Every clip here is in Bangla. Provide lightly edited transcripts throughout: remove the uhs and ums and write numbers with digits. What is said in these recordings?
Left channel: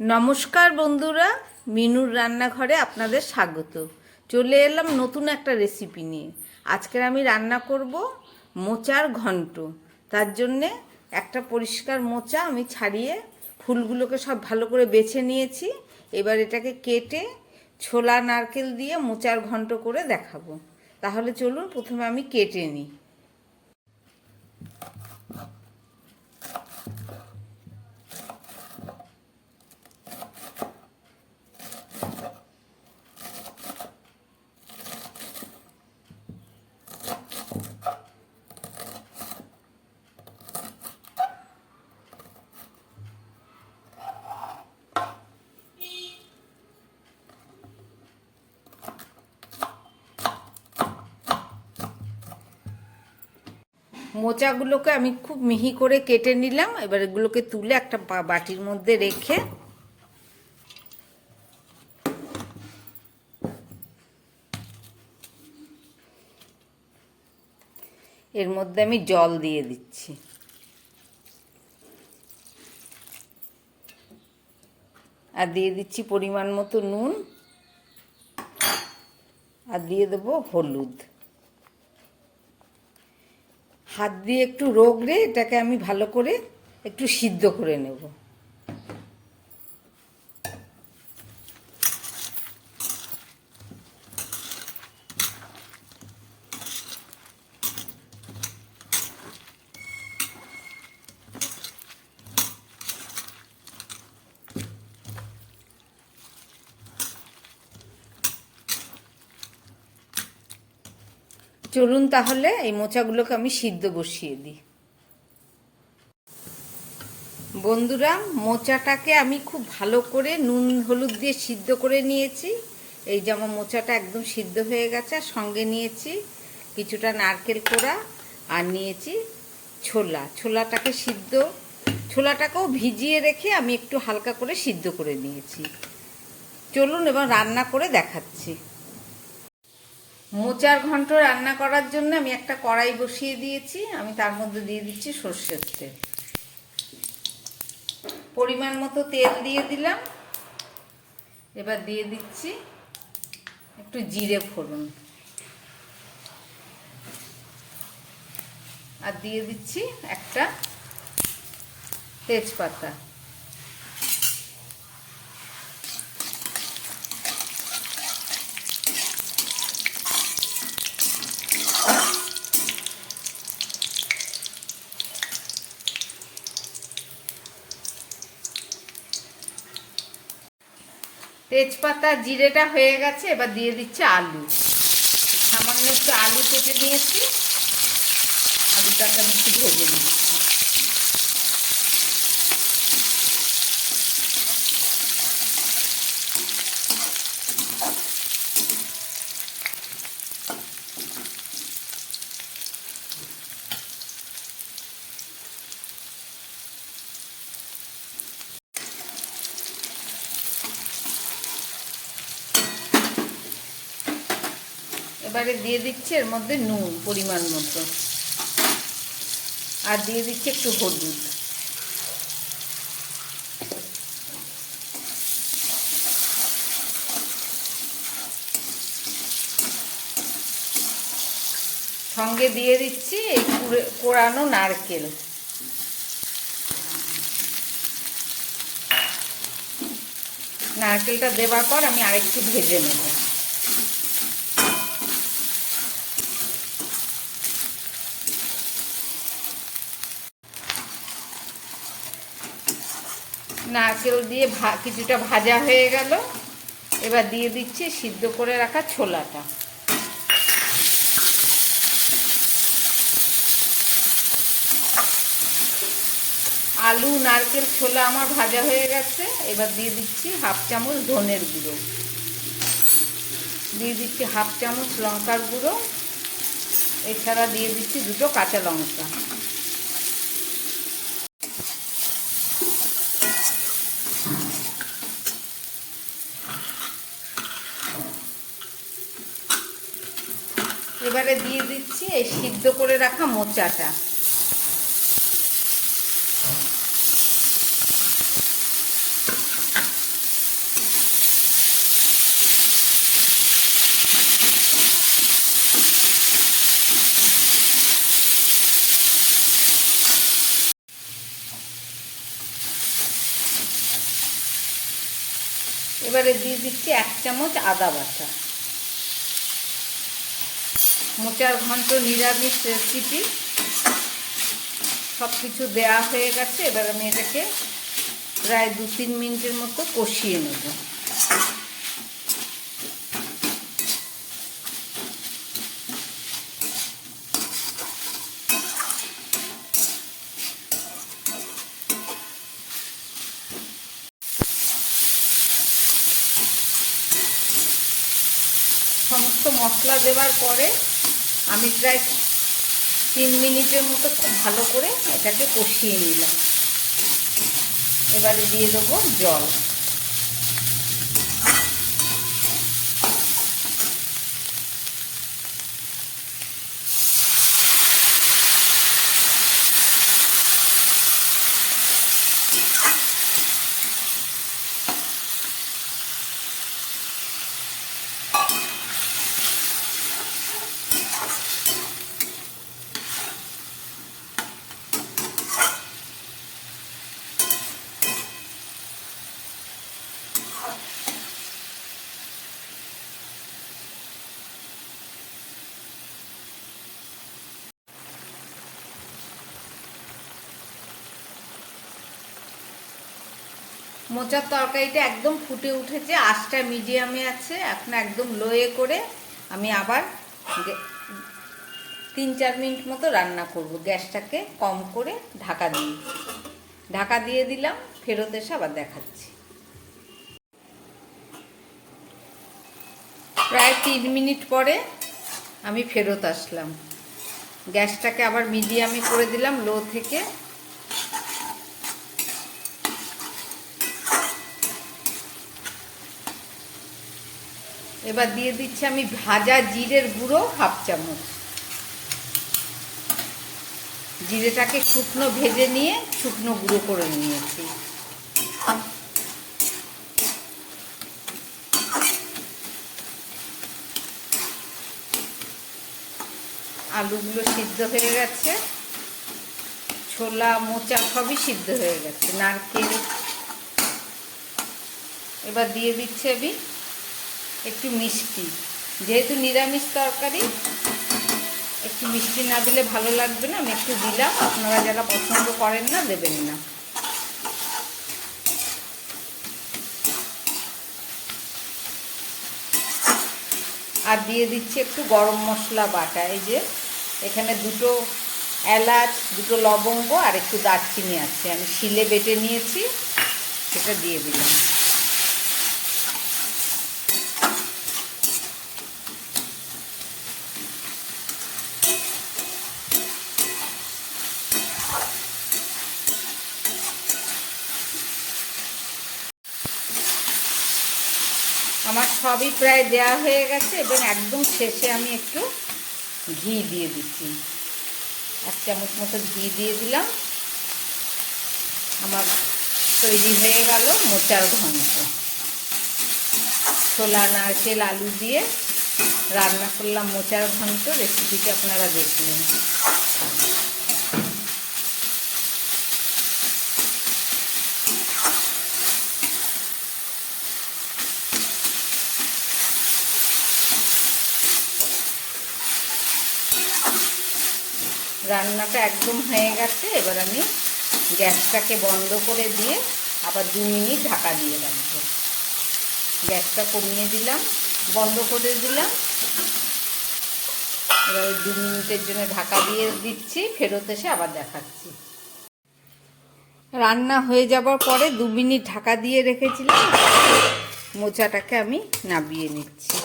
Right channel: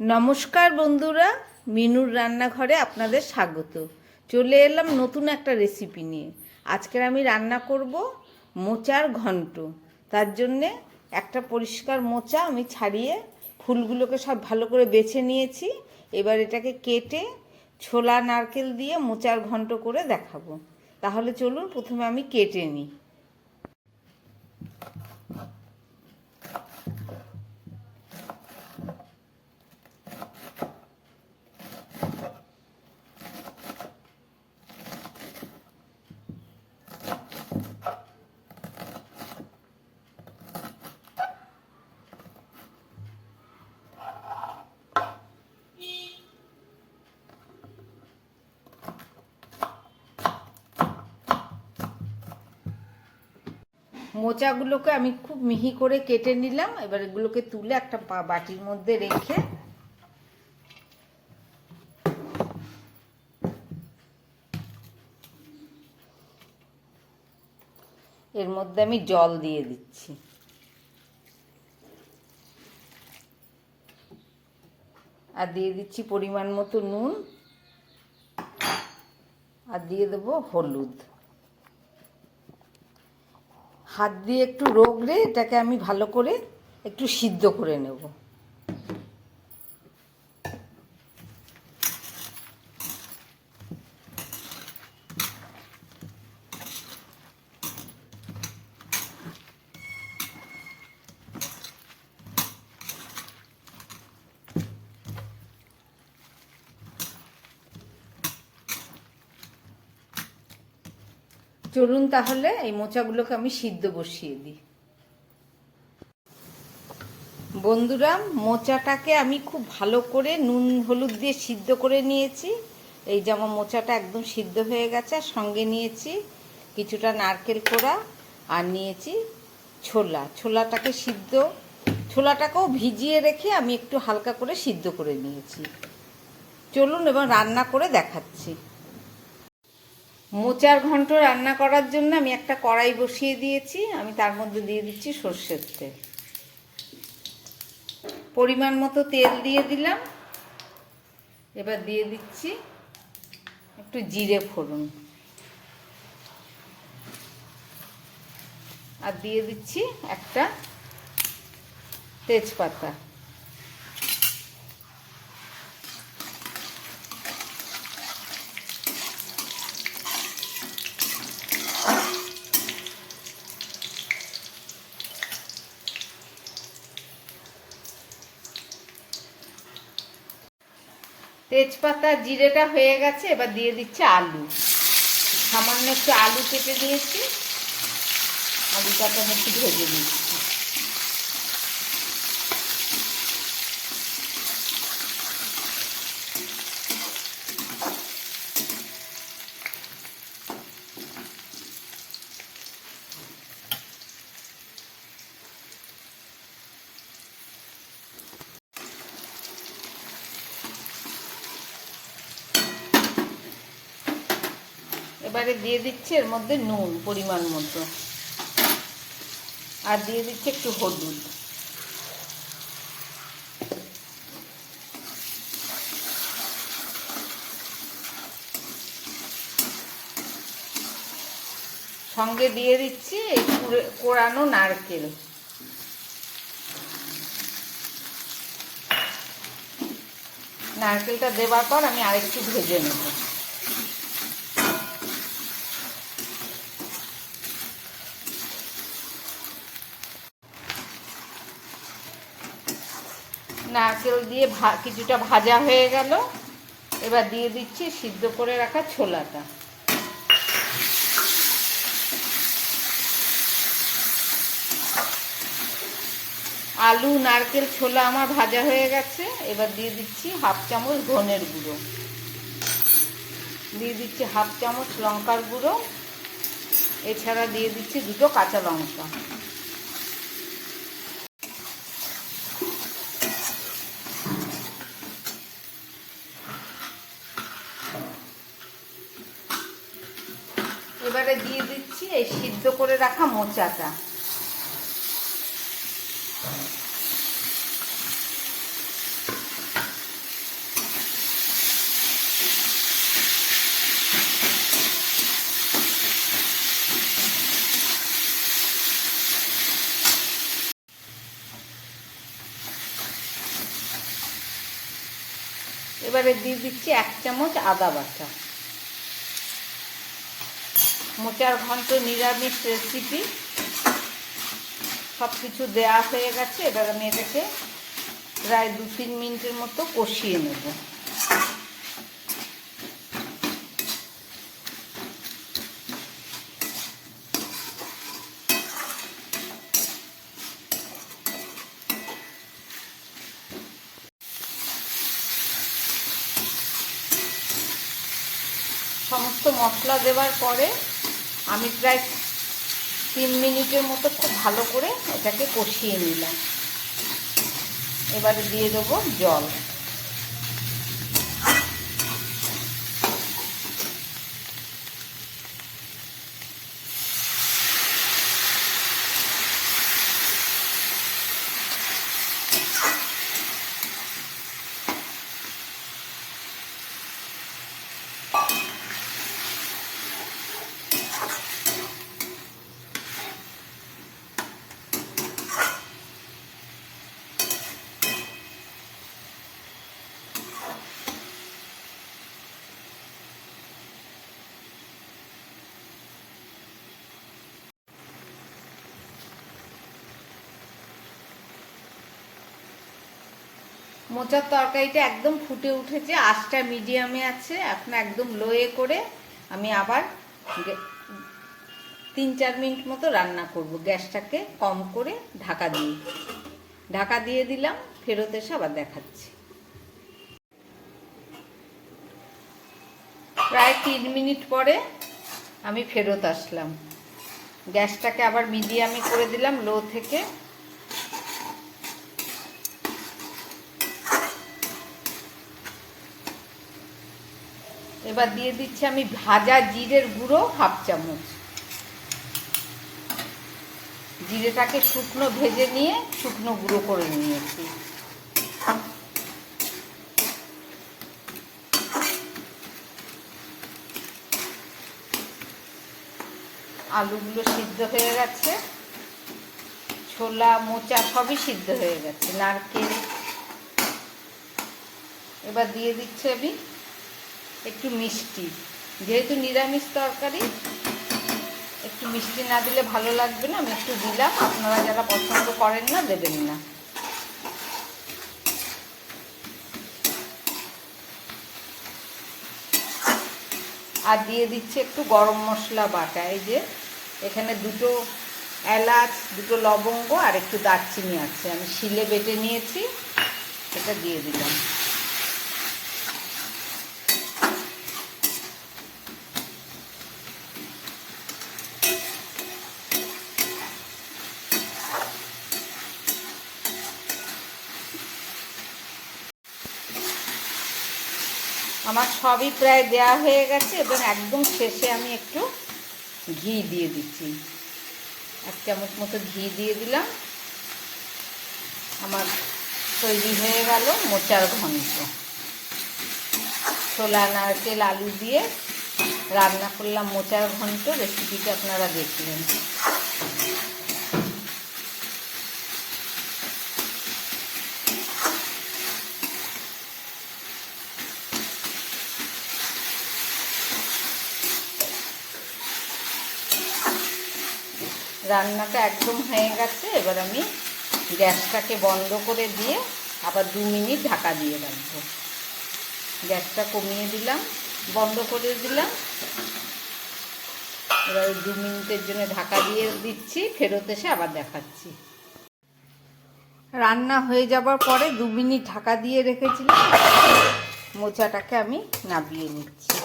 নমস্কার বন্ধুরা, মিনুর রান্নাঘরে আপনাদের স্বাগত। চলে এলাম নতুন একটা রেসিপি নিয়ে। আজকের আমি রান্না করব মোচার ঘন্ট। তার জন্যে একটা পরিষ্কার মোচা আমি ছাড়িয়ে ফুলগুলোকে সব ভালো করে বেছে নিয়েছি। এবার এটাকে কেটে ছোলা নারকেল দিয়ে মোচার ঘন্ট করে দেখাবো। তাহলে চলুন প্রথমে আমি কেটে নিই। মোচাগুলোকে আমি খুব মিহি করে কেটে নিলাম। এবার এগুলোকে তুলে একটা বাটির মধ্যে রেখে এর মধ্যে আমি জল দিয়ে দিচ্ছি। আর দিয়ে দিচ্ছি পরিমাণ মতো নুন, আর দিয়ে দেবো হলুদ। হাত দিয়ে একটু রগড়ে এটাকে আমি ভালো করে একটু সিদ্ধ করে নেব। চলুন তাহলে এই মোচাগুলোকে আমি সিদ্ধ বসিয়ে দিই। বন্ধুরা, মোচাটাকে আমি খুব ভালো করে নুন হলুদ দিয়ে সিদ্ধ করে নিয়েছি। এই যে আমার মোচাটা একদম সিদ্ধ হয়ে গেছে। আর সঙ্গে নিয়েছি কিছুটা নারকেল কোড়া, আর নিয়েছি ছোলাটাকে ছোলাটাকেও ভিজিয়ে রেখে আমি একটু হালকা করে সিদ্ধ করে নিয়েছি। চলুন এবার রান্না করে দেখাচ্ছি। মোচার ঘন্ট রান্না করার জন্য আমি একটা কড়াই বসিয়ে দিয়েছি। আমি তার মধ্যে দিয়ে দিচ্ছি সর্ষের তেল। পরিমাণ মতো তেল দিয়ে দিলাম। এবার দিয়ে দিচ্ছি একটু জিরে ফোড়ন, আর দিয়ে দিচ্ছি একটা তেজপাতা। তেজপাতা জিরেটা হয়ে গেছে। এবার দিয়ে দিচ্ছি আলু। সামান্য একটু আলু কেটে নিয়েছি। আলুটাকে আমি একটু ভেজে নিচ্ছি। এবারে দিয়ে দিচ্ছি এর মধ্যে নুন পরিমাণ মতো, আর দিয়ে দিচ্ছি একটু হলুদ। সঙ্গে দিয়ে দিচ্ছি এই কোড়ানো নারকেল। নারকেলটা দেওয়ার পর আমি আরেকটু ভেজে নেব। নারকেল দিয়ে কিছুটা ভাজা হয়ে গেল। এবার দিয়ে দিচ্ছি সিদ্ধ করে রাখা ছোলাটা। আলু নারকেল ছোলা আমার ভাজা হয়ে গেছে। এবার দিয়ে দিচ্ছি হাফ চামচ ধনের গুঁড়ো, দিয়ে দিচ্ছি হাফ চামচ লঙ্কার গুঁড়ো, এছাড়া দিয়ে দিচ্ছি দুটো কাঁচা লঙ্কা। এবারে দিয়ে দিচ্ছি এই সিদ্ধ করে রাখা মোচাটা। এবারে দিয়ে দিচ্ছি 1 চামচ আদা বাটা। মোচার ঘন্ট নিরামিষ রেসিপি, সব কিছু দেওয়া হয়ে গেছে। এবার আমি এটাকে প্রায় 2-3 মিনিটের মতো কষিয়ে নেব। সমস্ত মশলা দেওয়ার পরে আমি প্রায় 3 মিনিটের মতো খুব ভালো করে এটাকে কষিয়ে নিলাম। এবারে দিয়ে দেবো জল। মোচার তরকারিটা একদম ফুটে উঠেছে, আঁচটা মিডিয়ামে আছে। এখন একদম লোয়ে করে আমি আবার 3-4 মিনিট মতো রান্না করব। গ্যাসটাকে কম করে ঢাকা দিয়ে দিলাম। ফেরত এসে আবার দেখাচ্ছি। প্রায় 3 মিনিট পরে আমি ফেরত আসলাম। গ্যাসটাকে আবার মিডিয়ামে করে দিলাম, লো থেকে। এবার দিয়ে দিচ্ছি আমি ভাজা জিরের গুঁড়ো 1/2 চামচ। জিরেটাকে শুকনো ভেজে নিয়ে শুকনো গুঁড়ো করে নিয়েছি। আলুগুলো সিদ্ধ হয়ে গেছে, ছোলা মোচা সবই সিদ্ধ হয়ে গেছে, নারকেল। এবার দিয়ে দিচ্ছি আমি একটু মিষ্টি। যেহেতু নিরামিষ তরকারি, একটু মিষ্টি না দিলে ভালো লাগবে না, আমি একটু দিলাম। আপনারা যারা পছন্দ করেন না দেবেন না। আর দিয়ে দিচ্ছি একটু গরম মশলা বাটা। এই যে এখানে 2 এলাচ, 2 লবঙ্গ আর একটু দারচিনি আছে, আমি শিলে বেটে নিয়েছি, সেটা দিয়ে দিলাম। আমার সবই প্রায় দেওয়া হয়ে গেছে এবং একদম শেষে আমি একটু ঘি দিয়ে দিচ্ছি। 1 চামচ মতো ঘি দিয়ে দিলাম। আমার তৈরি হয়ে গেল মোচার ঘন্ট। ছোলা নারকেল আলু দিয়ে রান্না করলাম মোচার ঘন্ট। রেসিপিটি আপনারা দেখলেন। রান্নাটা একদম হয়ে গেছে। এবার আমি গ্যাসটাকে বন্ধ করে দিয়ে আবার 2 মিনিট ঢাকা দিয়ে রাখবো। গ্যাসটা কমিয়ে দিলাম, বন্ধ করে দিলাম। এবার 2 মিনিটের জন্য ঢাকা দিয়ে দিচ্ছি, ফেরত এসে আবার দেখাচ্ছি। রান্না হয়ে যাবার পরে 2 মিনিট ঢাকা দিয়ে রেখেছিলাম। মোচাটাকে আমি নামিয়ে নিচ্ছি।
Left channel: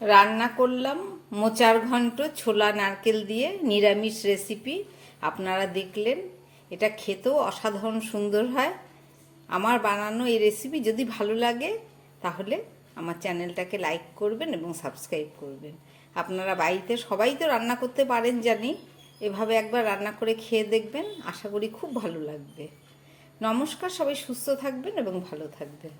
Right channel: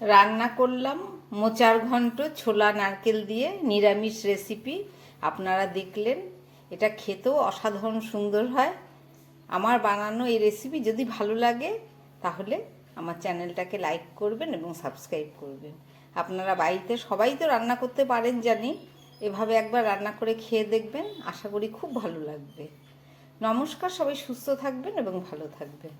রান্না করলাম মোচার ঘন্ট ছোলা নারকেল দিয়ে, নিরামিষ রেসিপি। আপনারা দেখলেন, এটা খেতেও অসাধারণ সুন্দর হয়। আমার বানানো এই রেসিপি যদি ভালো লাগে তাহলে আমার চ্যানেলটাকে লাইক করবেন এবং সাবস্ক্রাইব করবেন। আপনারা বাড়িতে সবাই তো রান্না করতে পারেন জানি, এভাবে একবার রান্না করে খেয়ে দেখবেন, আশা করি খুব ভালো লাগবে। নমস্কার, সবাই সুস্থ থাকবেন এবং ভালো থাকবেন।